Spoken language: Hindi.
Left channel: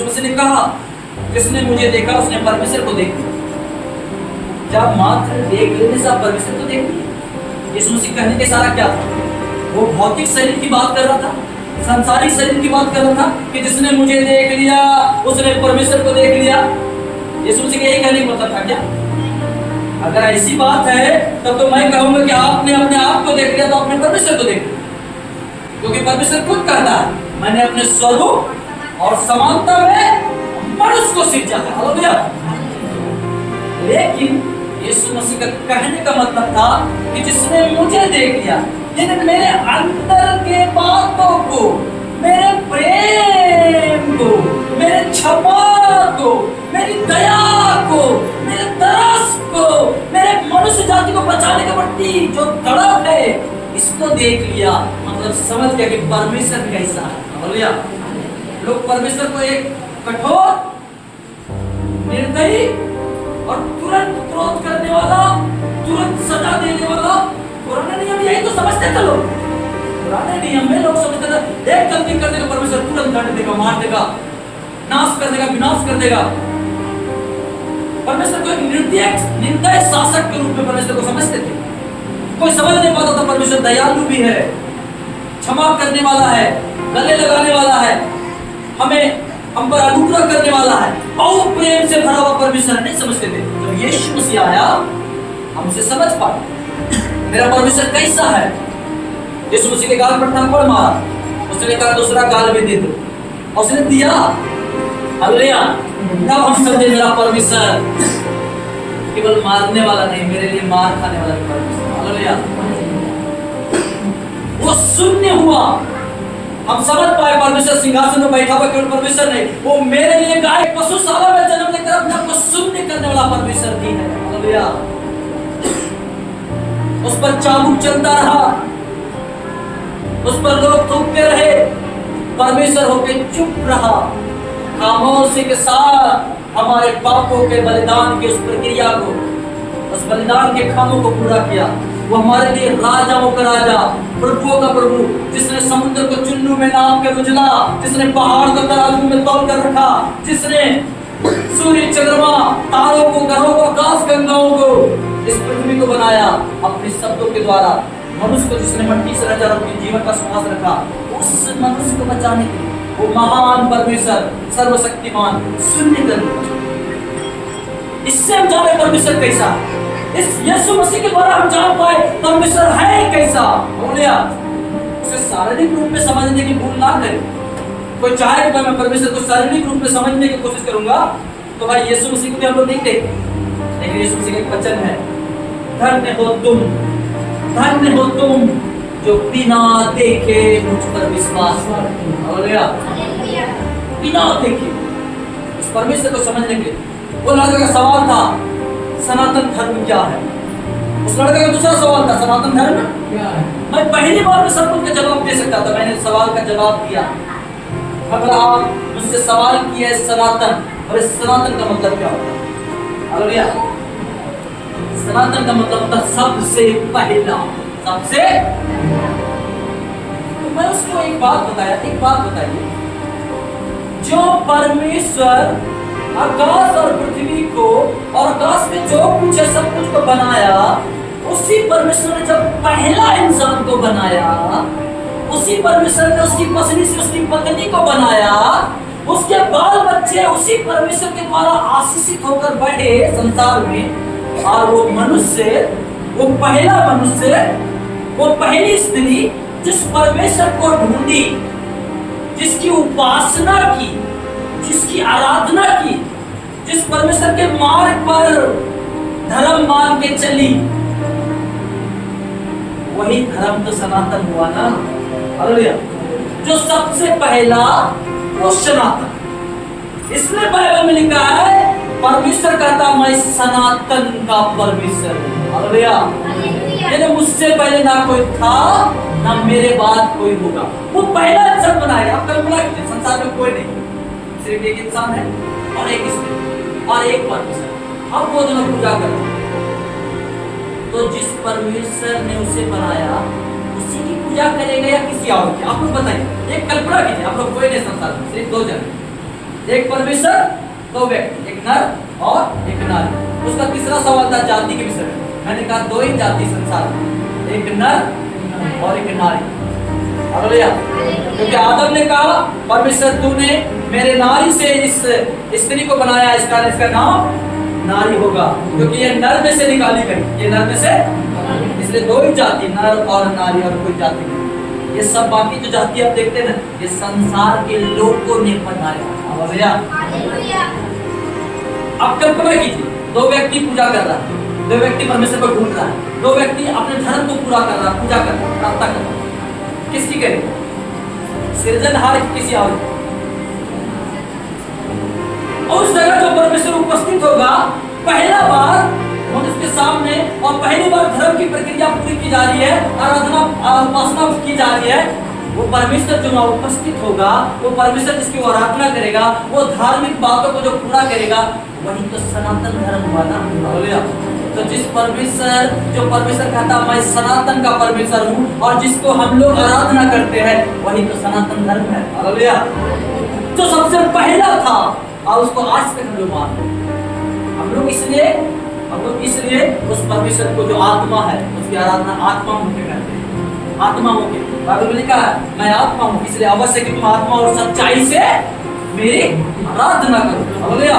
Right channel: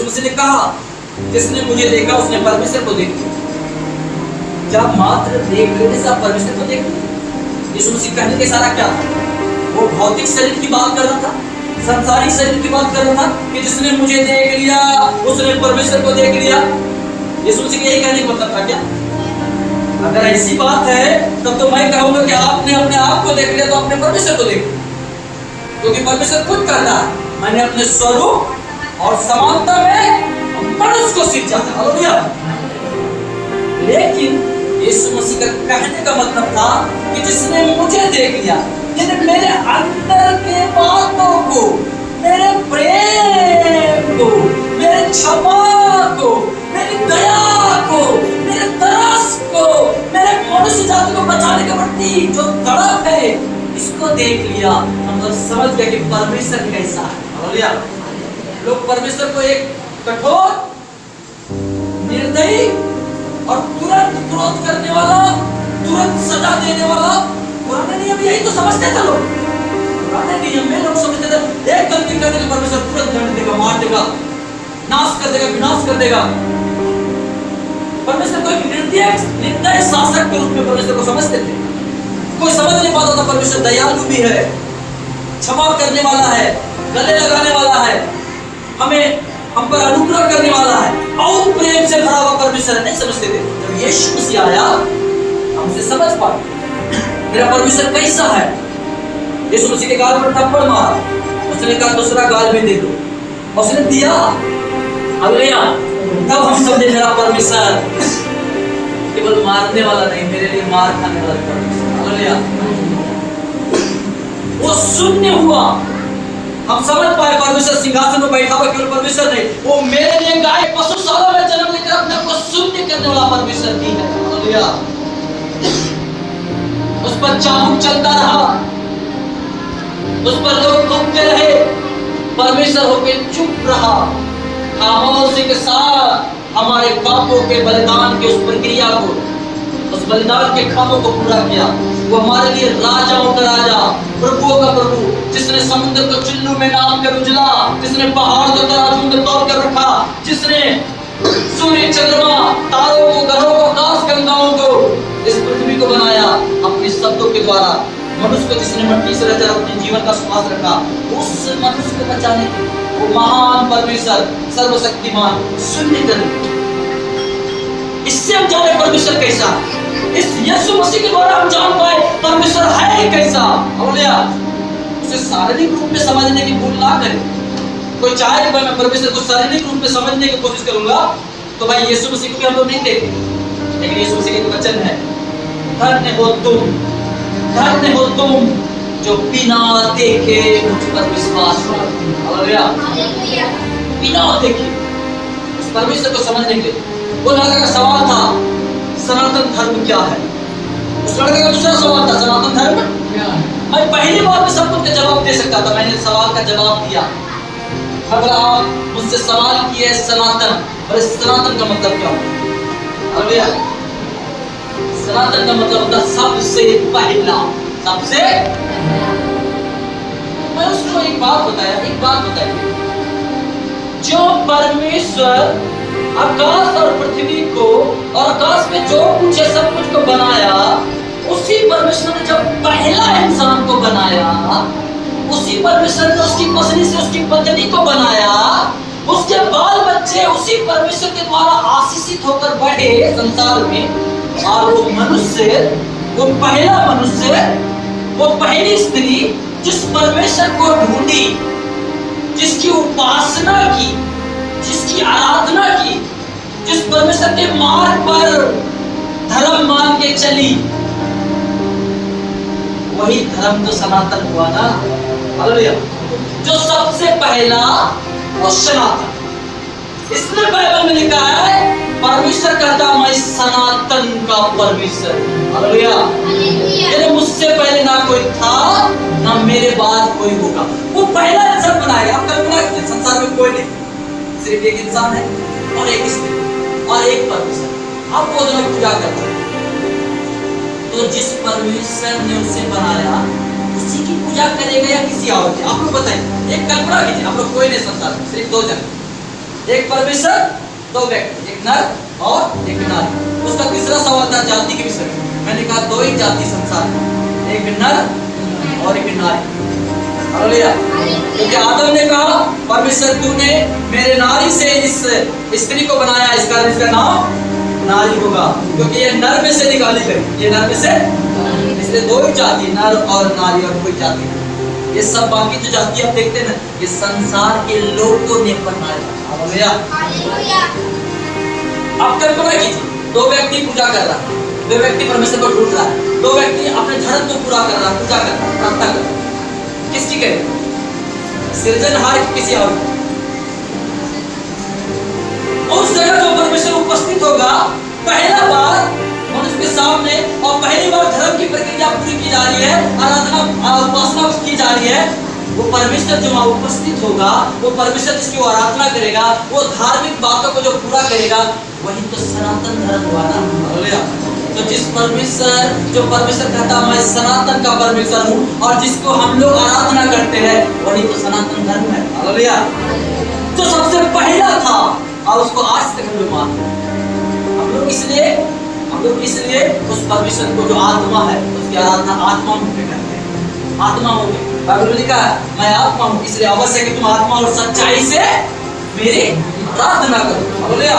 यीशु मसीह ने कहा, जिसने मुझे देखा उसने परमेश्वर को देख लिया। जब मात्र देख लेने से आप परमेश्वर को देख लिया। यीशु मसीह कहने का इशारा क्या था? वो भौतिक शरीर की बात कर रहा था, संसारिक शरीर की बात कर रहा था कि जिसने मुझे देख लिया उसने परमेश्वर को देख लिया। यीशु मसीह यही कहने का मतलब था क्या? अगर ऐसी बात है तब तो मैं कहूंगा कि आपने अपने आप को देख लिया तो अपने परमेश्वर को देख लिया, क्योंकि परमेश्वर खुद कहता है, मैंने अपने स्वरूप और समानता में मनुष्य को सृजा है। हालेलुया। लेकिन यीशु मसीह का कहने का मतलब था कि जिसने मुझे देख लिया, यानी मेरे अंदर के बातों को, मेरे प्रेम को, मेरे क्षमा को, मेरी दया को, मेरे तरस को, मेरे मनुष्य जाति को बचाने के प्रति जो तड़प है, इसको देख लिया। हम लोग समझ गए कि परमेश्वर कैसा है। हालेलुया। लोग परमेश्वर को एक कठोर, निर्दयी और तुरंत क्रोध करने वाला, तुरंत सजा देने वाला, पुराने नियम यही तो समझते थे लोग। पुराने नियम में लोग समझते थे एक गलती कर देगा परमेश्वर तुरंत दंड देगा, मार देगा, नाश कर देगा, विनाश कर देगा। परमेश्वर को एक निर्दयी शासक के रूप में परमेश्वर को समझते थे। कोई समझ नहीं पाता था परमेश्वर दयालु भी है, क्षमा करने वाला है, गले लगाने वाला है, हम पर अनुग्रह करने वाला है, और प्रेम से भरा हुआ परमेश्वर है। नहीं समझते थे। जब यीशु मसीह आया हम उसे समझ पाए मेरा परमेश्वर कैसा है। यीशु मसीह के गाल पर थप्पड़ मारा, उसने कहा दूसरा गाल भी दे दो, उसने दिया। हालेलुया। तब हम समझे मेरा परमेश्वर केवल मारने वाला नहीं, मेरे लिए मार खाने वाला परमेश्वर। हालेलुया। वो शून्य हुआ, हम समझ पाए परमेश्वर सिंहासन में बैठा हुआ केवल परमेश्वर नहीं, वो मेरे लिए गाय पशुशाला में जन्म लेकर अपने आप को शून्य करने वाला परमेश्वर भी है। हालेलुया। उस पर चाबुक चलता रहा, उस पर लोग थूकते रहे, परमेश्वर होकर चुप रहा, खामोशी के साथ हमारे पापों के बलिदान की उस प्रक्रिया को, उस बलिदान के कामों को पूरा किया। वो हमारे लिए राजाओं का राजा, प्रभुओं का प्रभु, जिसने समुद्र को चुल्लू में नाप कर उजला, जिसने पहाड़ को तराजू में तौल कर रखा, जिसने सूर्य, चंद्रमा, तारों को, ग्रहों को, आकाश गंगाओं को, इस पृथ्वी को बनाया अपने शब्दों के द्वारा। मनुष्य को जिसने मिट्टी से रचा, अपने जीवन का श्वास रखा, उस मनुष्य को बचाने के लिए वो महान परमेश्वर, सर्वशक्तिमान, शून्य करने। इससे हम जाने परमेश्वर कैसा, इस यीशु मसीह के द्वारा हम जान पाए परमेश्वर है कैसा। हालेलुया। उसे शारीरिक रूप में समझने की भूल ना करें। कोई चाहे कि मैं परमेश्वर को शारीरिक रूप में समझने की कोशिश करूंगा तो भाई यीशु मसीह को भी हम लोग नहीं देखते, लेकिन यीशु मसीह का वचन है, धन्य हो तुम जो बिना देखे मुझ पर विश्वास करते हो। हालेलुया। बिना देखे उस परमेश्वर को समझने के लिए वो लड़का का सवाल था, सनातन धर्म क्या है? उस लड़के का दूसरा सवाल था, सनातन धर्म क्या है? मैं पहली बार में सब कुछ का जवाब दे सकता था, मैंने सवाल का जवाब दिया। अगर आप मुझसे सवाल किए सनातन, और इस सनातन का मतलब क्या होता है? हालेलुया। सनातन का मतलब होता है सबसे पहला, सबसे। मैं उसको एक बात बताइए, जो परमेश्वर आकाश और पृथ्वी को और आकाश में जो कुछ है सब कुछ को बनाया, उसी परमेश्वर ने जब पहला इंसान को बनाया, उसी परमेश्वर ने उसकी पत्नी से उसकी पत्नी को बनाया, उसके बाल बच्चे उसी परमेश्वर के द्वारा आशीषित होकर बढ़े संसार में। और वो मनुष्य, वो पहला मनुष्य, वो पहली स्त्री जिस परमेश्वर को ढूंढी, जिसकी उपासना की, जिसकी आराधना की, जिस परमेश्वर के मार्ग पर धर्म मान के चली, वही धर्म तो सनातन हुआ ना। हालेलुया। जो सबसे पहला वो सनातन। इसलिए बाइबल में लिखा है परमेश्वर कहता मैं सनातन का परमेश्वर हूं। हालेलुया। यानी मुझसे पहले ना कोई था ना मेरे बाद कोई होगा। वो पहला इंसान बनाया। आप कल्पना करें संसार में कोई नहीं, सिर्फ एक इंसान है और एक स्त्री और एक परमेश्वर। अब वो दोनों पूजा करते हैं, तो जिस परमेश्वर ने उसे बनाया उसी की पूजा करेगा या किसी और की? आप लोग बताइए, एक कल्पना कीजिए। आप लोग कोई नहीं संसार में, सिर्फ दो जन, एक परमेश्वर, दो व्यक्ति, एक नर और एक नारी। उसका तीसरा सवाल था जाति के विषय में। मैंने कहा दो ही जाति संसार में, एक नर और एक नारी। हालेलुया। क्योंकि आदम ने कहा परमेश्वर तूने मेरे नारी से इस स्त्री को बनाया, इस कारण इसका नाम नारी होगा, क्योंकि ये नर में से निकाली गई, ये नर में से, इसलिए दो ही जाति, नर और नारी, और कोई जाति नहीं। ये सब बाकी जो जाति आप देखते हैं ना, ये संसार के लोगों ने बनाया। हालेलुया। आप कल्पना कीजिए, दो व्यक्ति पूजा कर रहा है, दो व्यक्ति परमेश्वर को ढूंढ रहा है, दो व्यक्ति अपने धर्म को पूरा कर रहा है, पूजा कर रहा है, प्रार्थना कर रहा है। किसकी करेगा? सृजनहार की किसी और? उस जगह जो परमेश्वर उपस्थित होगा, पहला बार मनुष्य के सामने, और पहली बार धर्म की प्रक्रिया पूरी की जा रही है, आराधना उपासना की जा रही है, वो परमेश्वर जो वहां उपस्थित होगा, वो परमेश्वर जिसकी वो आराधना करेगा, वो धार्मिक बातों को जो पूरा करेगा, वही तो सनातन धर्म हुआ ना। हालेलुया। तो जिस परमेश्वर, जो परमेश्वर कहता मैं सनातन का परमेश्वर हूँ, और जिसको हम लोग आराधना करते हैं, वही तो सनातन धर्म है। हालेलुया। जो सबसे पहला था, और उसको आज तक हम लोग मानते हैं। हम लोग इसलिए उस परमेश्वर को जो आत्मा है, उसकी आराधना आत्मा मुझे करते हैं। आत्मा मुझे, बाइबल में लिखा है मैं आत्मा हूँ, इसलिए आवश्यक है कि तुम आत्मा और सच्चाई से मेरी आराधना करो। हालेलुया।